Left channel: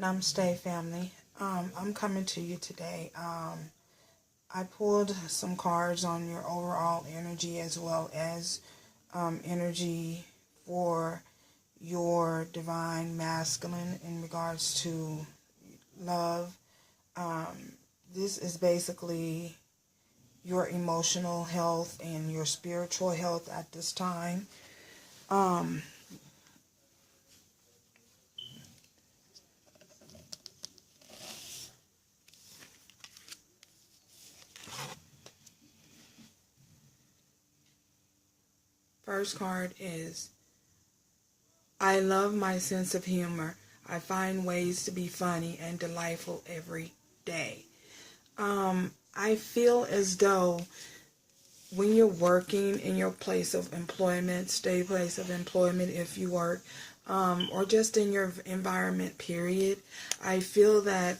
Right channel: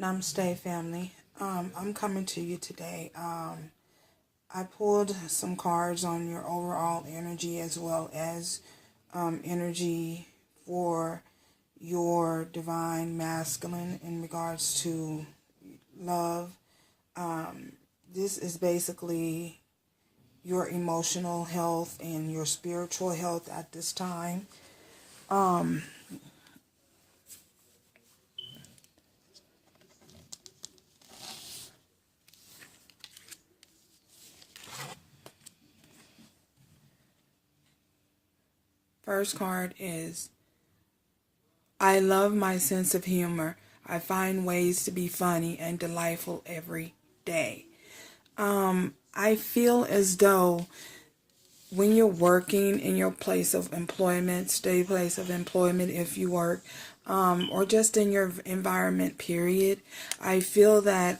Namaste, family. I'm coming to you today. I pulled some cards on your overall energy as well as energy for your divine masculine in regards to love. This is basically your emotional health and your spiritual health at this time. First card is, I love my sense of humor. I find ways to be funny and delightful every day. I feel as though when you're working in your place of employment, steady place of employment if you work, or just in your environment, period, I feel that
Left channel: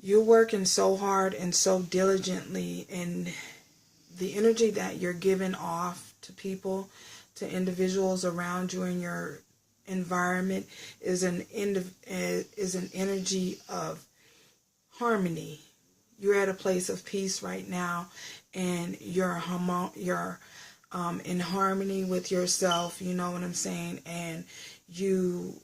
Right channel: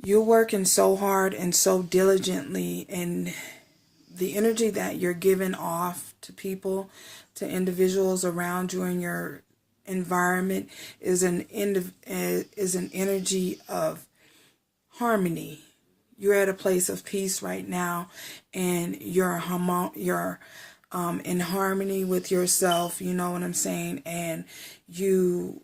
you're working so hard and so diligently, and the energy that you're giving off to people, to individuals around you in your environment is an energy of harmony. You're at a place of peace right now, and you're in harmony with yourself, you know what I'm saying? And you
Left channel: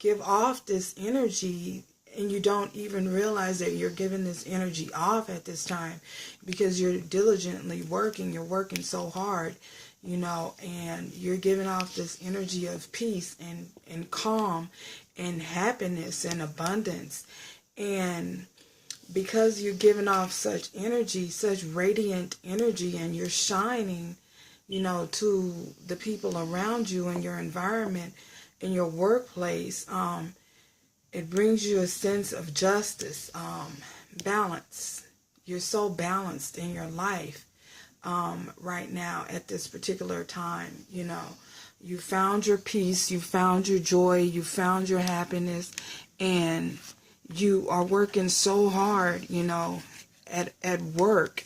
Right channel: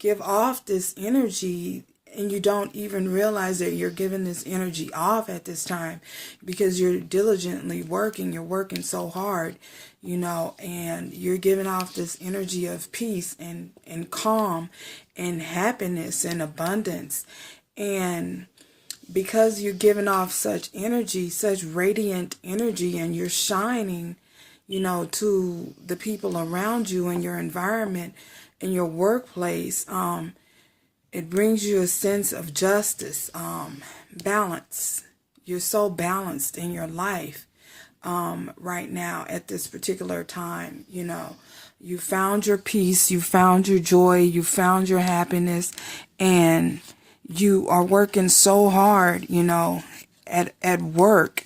give off this energy, and you don't even realize that you're giving this energy off at this time because you're diligently working. You're working so hard, you know, and you're giving off this energy of peace and calm and happiness and abundance. And because you're giving off such energy, such radiant energy, and you're shining, you know, to the people around you in your environment, in your workplace, it brings you a sense of justice, balance. You're so balanced in your life right now at this particular time. You know, you found your peace, you found your joy, you found your happiness, and you are working so hard, you know, at work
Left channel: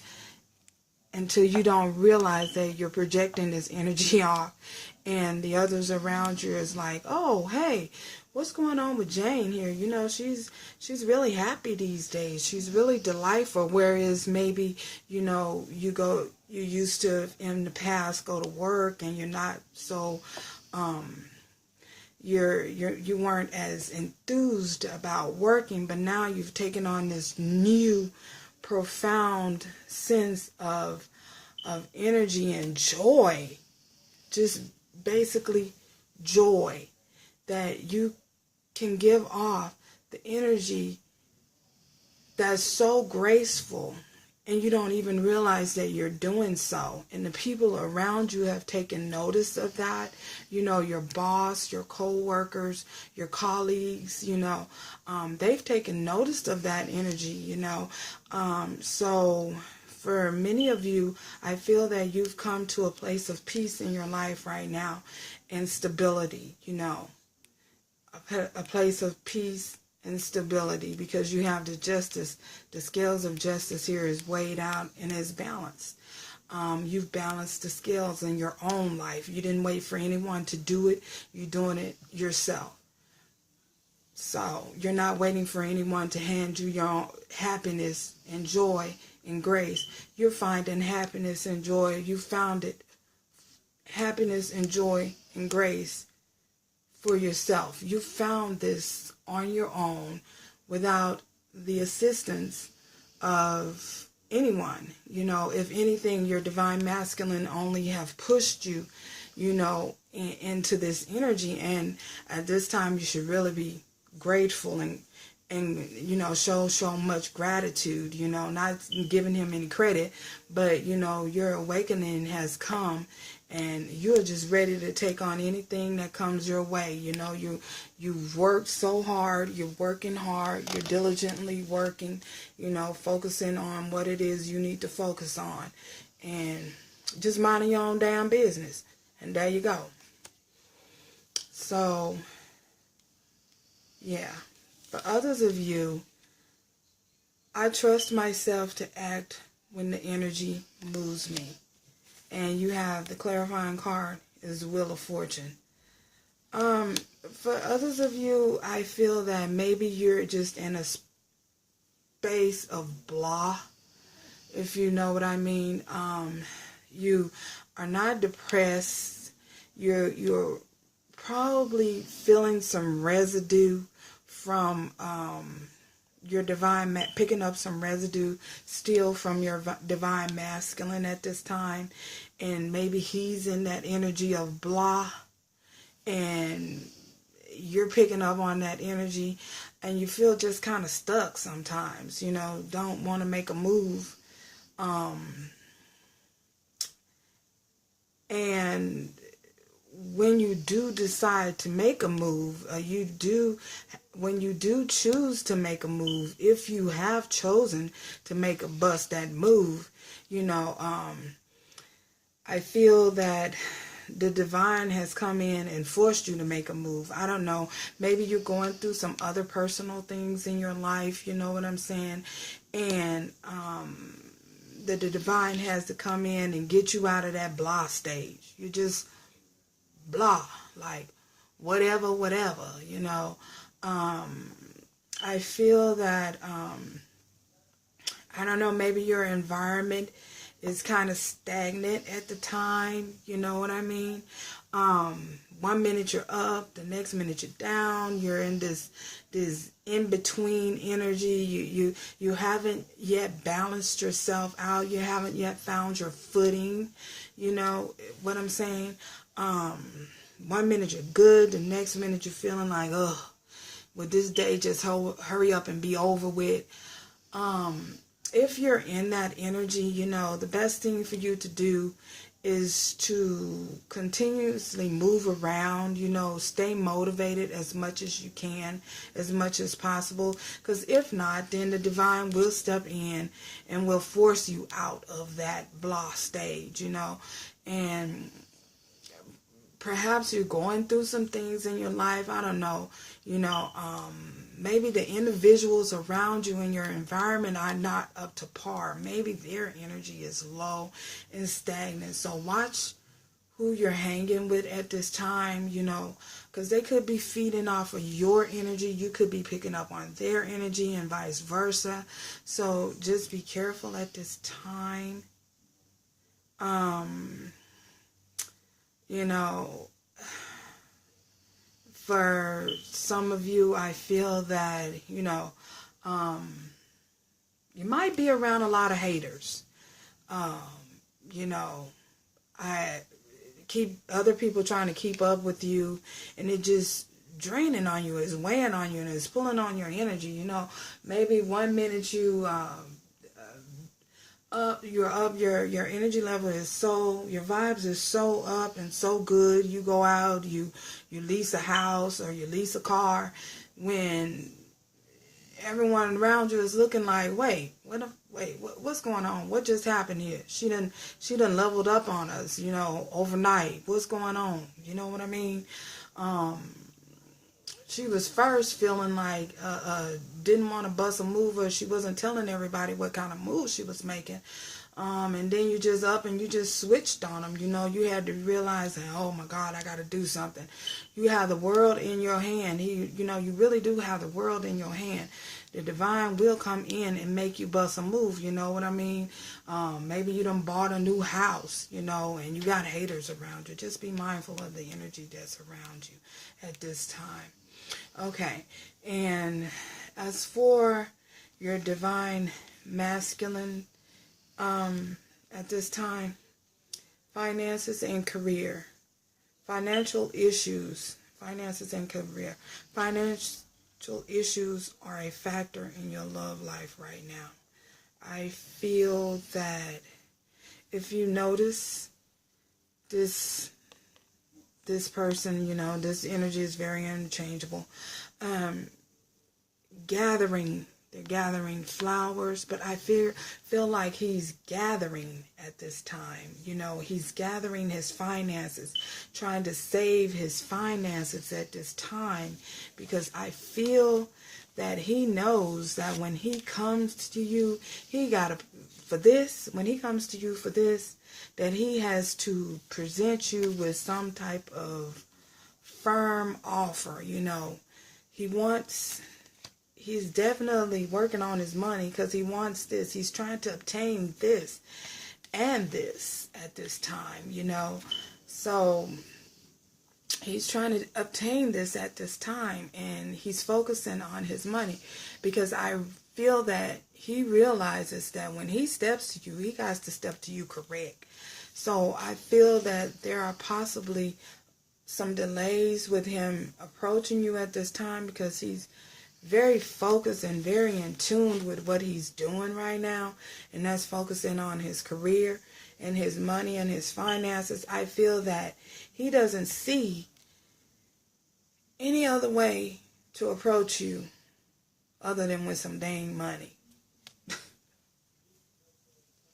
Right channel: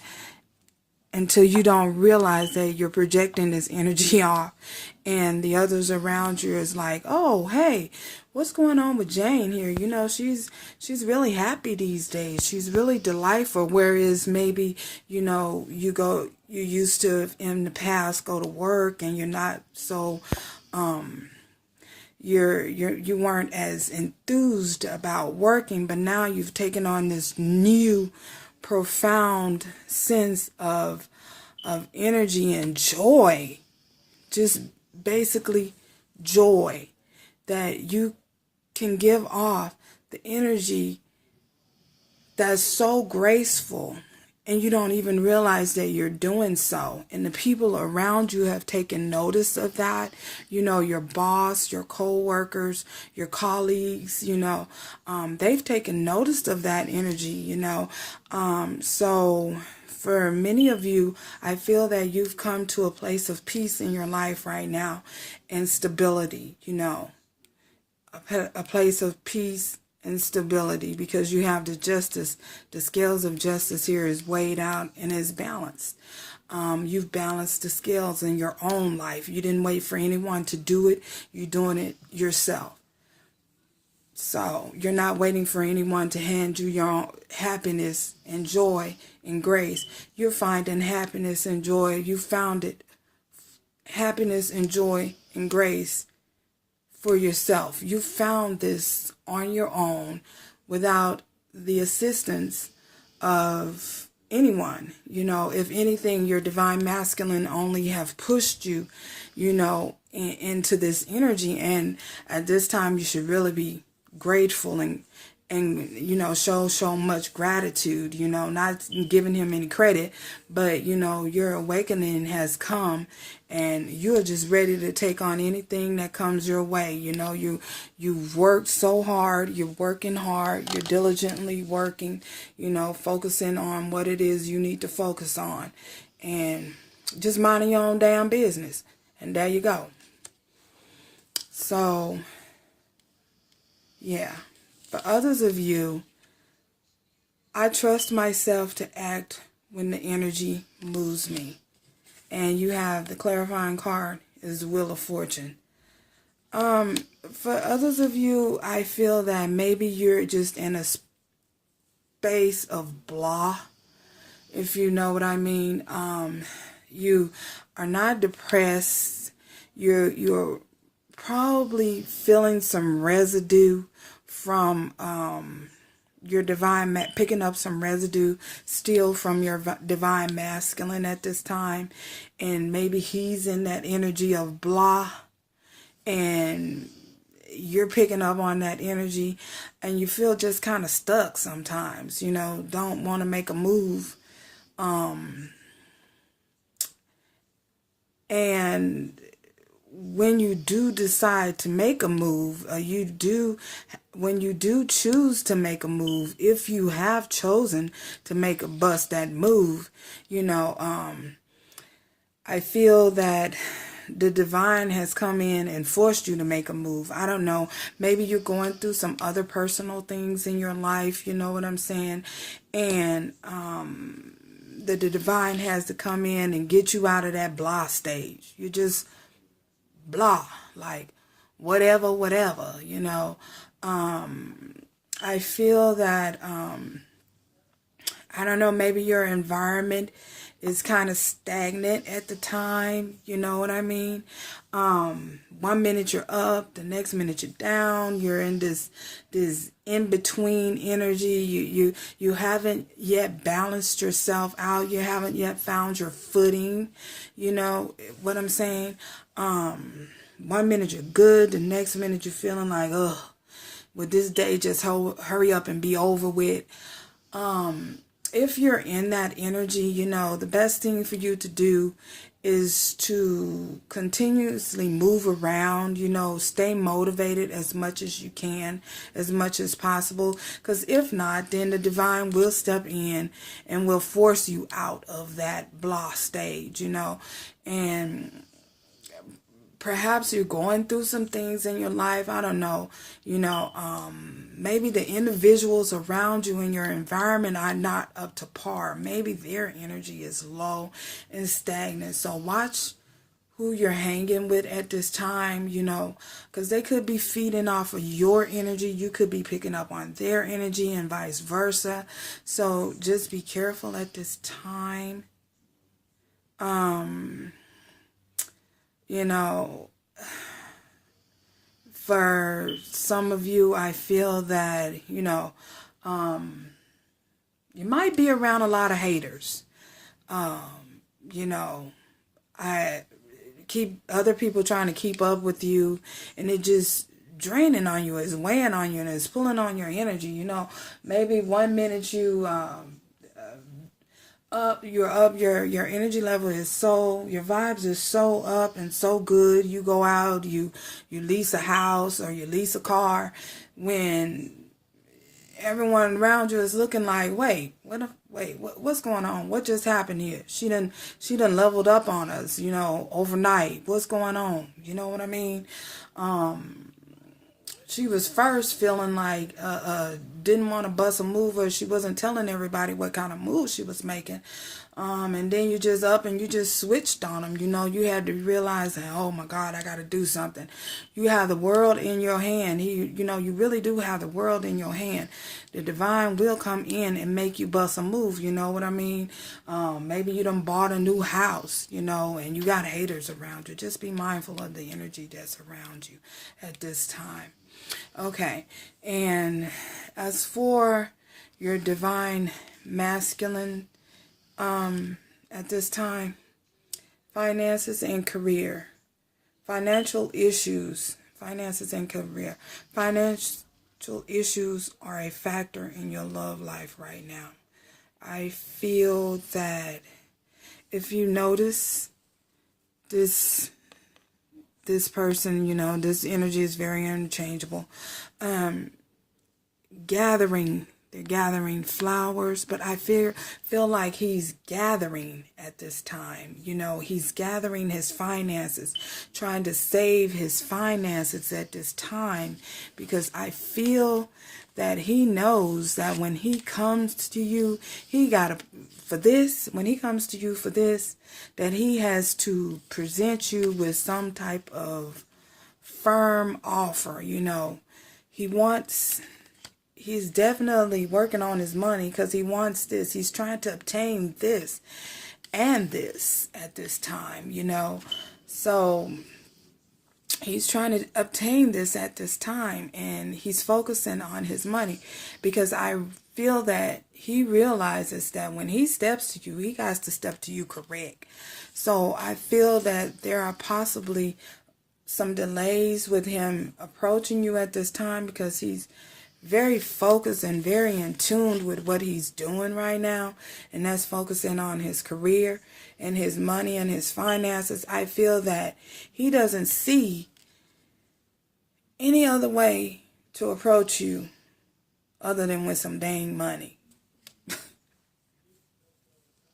until you don't realize that you're projecting this energy off, and the others around you is like, oh, hey, what's going on with Jane here? You know, she's really happy these days. She's really delightful. Whereas maybe, you know, you used to in the past go to work and you're not so, you weren't as enthused about working, but now you've taken on this new profound sense of energy and joy, just basically joy, that you can give off the energy that's so graceful, and you don't even realize that you're doing so. And the people around you have taken notice of that. You know, your boss, your co-workers, your colleagues, you know, they've taken notice of that energy, you know. So for many of you, I feel that you've come to a place of peace in your life right now and stability, you know, a place of peace and stability, because you have the justice. The scales of justice here is weighed out and is balanced. You've balanced the scales in your own life. You didn't wait for anyone to do it. You're doing it yourself. So you're not waiting for anyone to hand you your own happiness and joy and grace. You're finding happiness and joy. You found it. Happiness and joy and grace for yourself. You found this on your own without the assistance of anyone. You know, if anything, your divine masculine only have pushed you, you know, into this energy. And at this time, you should really be grateful and you know, show much gratitude, you know, not giving him any credit, but, you know, your awakening has come, and you're just ready to take on anything that comes your way. You know, you've worked so hard, you're working hard, you're diligently working, you know, focusing on what it is you need to focus on, and just minding your own damn business. And there you go. So, yeah. For others of you, I trust myself to act when the energy moves me. And you have the clarifying card is the Wheel of Fortune. For others of you, I feel that maybe you're just in a space of blah, if you know what I mean. You are not depressed. You're probably feeling some residue from your divine, picking up some residue still from your divine masculine at this time. And maybe he's in that energy of blah, and you're picking up on that energy, and you feel just kind of stuck sometimes, don't want to make a move. And when you do decide to make a move, when you do choose to make a move, if you have chosen to bust that move, I feel that the divine has come in and forced you to make a move. I don't know. Maybe you're going through some other personal things in your life. You know what I'm saying? And the divine has to come in and get you out of that blah stage. You just blah, like whatever. I feel that, I don't know, maybe your environment is kind of stagnant at the time, you know what I mean? 1 minute you're up, the next minute you're down. You're in this in-between energy. You haven't yet balanced yourself out. You haven't yet found your footing, you know what I'm saying? 1 minute you're good, the next minute you're feeling like, ugh, would this day just hurry up and be over with? If you're in that energy, the best thing for you to do is to continuously move around, stay motivated as much as you can, as much as possible. Because if not, then the divine will step in and will force you out of that blah stage, and perhaps you're going through some things in your life. I don't know. Maybe the individuals around you in your environment are not up to par. Maybe their energy is low and stagnant. So watch who you're hanging with at this time, because they could be feeding off of your energy. You could be picking up on their energy and vice versa. So just be careful at this time. For some of you, I feel that, you might be around a lot of haters. I keep other people trying to keep up with you, and it just draining on you, it's weighing on you, and it's pulling on your energy. Maybe 1 minute you're up, your energy level is your vibes are so up and so good. You go out, you lease a house or you lease a car, when everyone around you is looking like, what's going on? What just happened here? She done leveled up on us, overnight. What's going on? You know what I mean? She was first feeling like didn't want to bust a move, or she wasn't telling everybody what kind of move she was making. And then you just up and you just switched on them. You had to realize that, oh my God, I got to do something. You have the world in your hand. You really do have the world in your hand. The divine will come in and make you bust a move. You know what I mean? Maybe you done bought a new house, and you got haters around you. Just be mindful of the energy that's around you at this time. Okay, and as for your divine masculine, at this time, finances and career, financial issues are a factor in your love life right now. I feel that if you notice this person, this energy is very interchangeable. They're gathering flowers, but I feel like he's gathering at this time. He's gathering his finances, trying to save his finances at this time, because I feel that he knows that when he comes to you, that he has to present you with some type of firm offer, you know. He's definitely working on his money because he wants this. He's trying to obtain this and this at this time, you know. So he's trying to obtain this at this time, and he's focusing on his money because I feel that he realizes that when he steps to you, he has to step to you correct. So I feel that there are possibly some delays with him approaching you at this time because he's very focused and very in tune with what he's doing right now, and that's focusing on his career and his money and his finances. I feel that he doesn't see any other way to approach you other than with some dang money.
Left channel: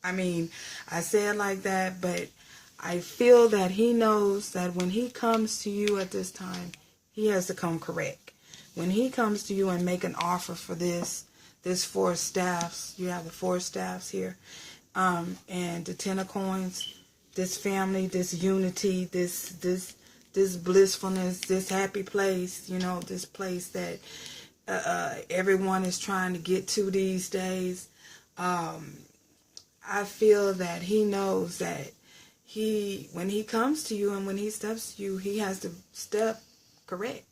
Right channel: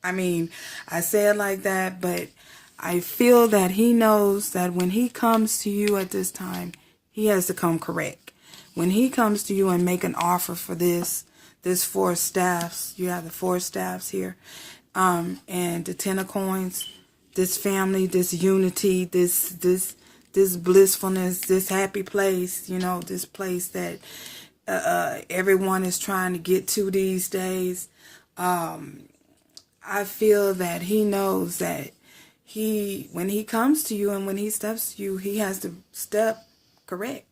I mean, I say it like that, but I feel that he knows that when he comes to you at this time, he has to come correct. When he comes to you and make an offer for this four staffs, you have the four staffs here, and the 10 of coins, this family, this unity, this blissfulness, this happy place, you know, this place that everyone is trying to get to these days. I feel that he knows that when he comes to you and when he steps to you, he has to step correct.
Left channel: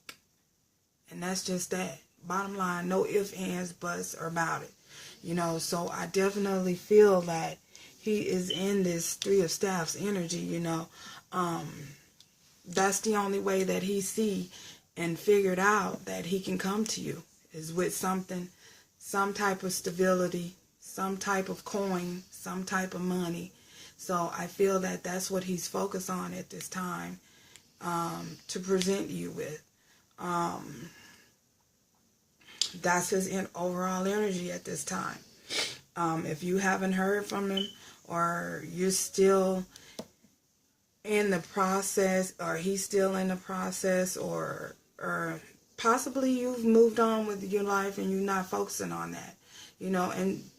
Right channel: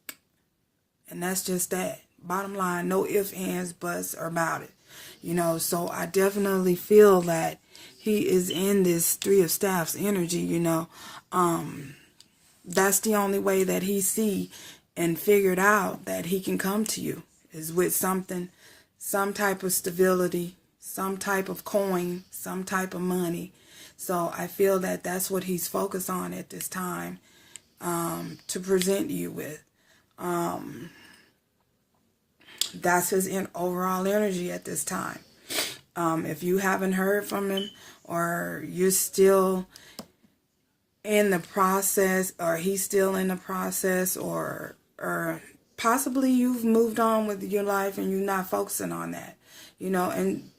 And that's just that. Bottom line, no ifs, ands, buts about it. You know, so I definitely feel that he is in this Three of Staffs energy, you know. That's the only way that he see and figured out that he can come to you is with something, some type of stability, some type of coin, some type of money. So I feel that that's what he's focused on at this time to present you with. That's his overall energy at this time. If you haven't heard from him, or you're still in the process, or he's still in the process, or possibly you've moved on with your life and you're not focusing on that, you know, and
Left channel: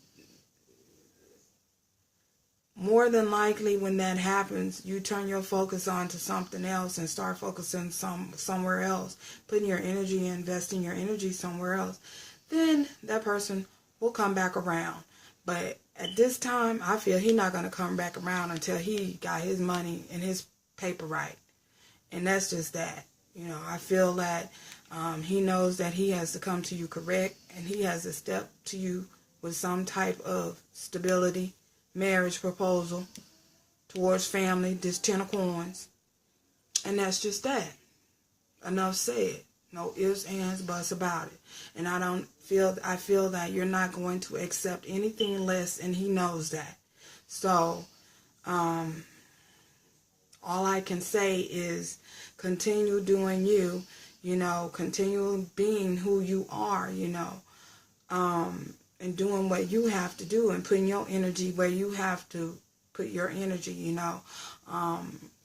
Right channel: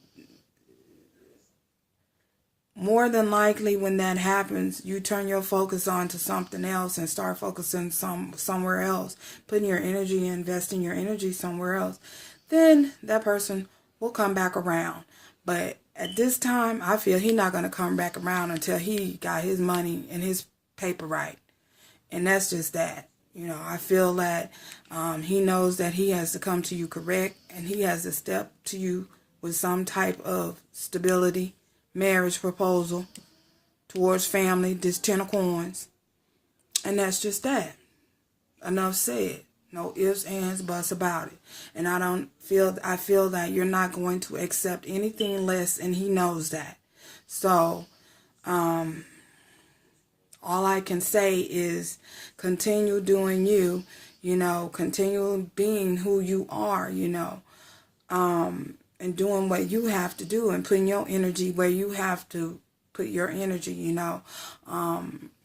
more than likely when that happens, you turn your focus on to something else and start focusing somewhere else, putting your energy, investing your energy somewhere else, then that person will come back around. But at this time, I feel he's not going to come back around until he got his money and his paper right. And that's just that. You know, I feel that he knows that he has to come to you correct, and he has to step to you with some type of stability, marriage proposal towards family, this 10 of coins. And that's just that. Enough said. No ifs, ands, buts about it. And I feel that you're not going to accept anything less, and he knows that. So, all I can say is continue doing you, you know, continue being who you are, you know, and doing what you have to do and putting your energy where you have to put your energy, you know,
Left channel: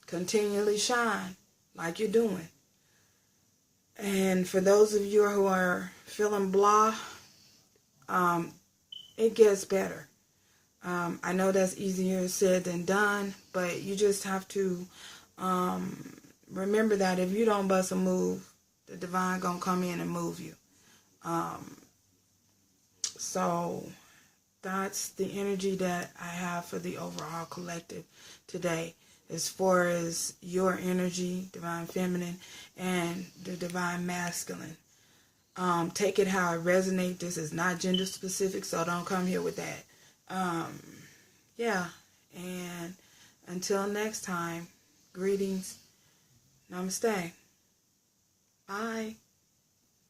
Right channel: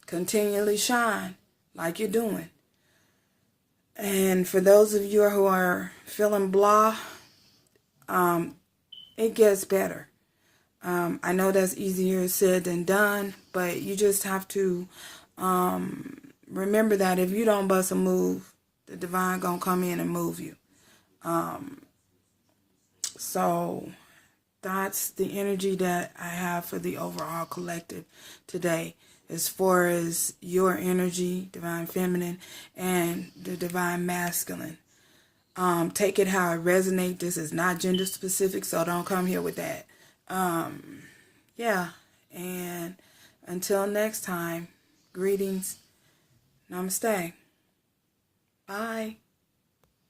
continually shine like you're doing. And for those of you who are feeling blah, it gets better. I know that's easier said than done, but you just have to remember that if you don't bust a move, the divine gonna come in and move you. So that's the energy that I have for the overall collective today, as far as your energy, divine feminine, and the divine masculine. Take it how it resonates. This is not gender specific, so don't come here with that. Yeah, and until next time, greetings, namaste, bye.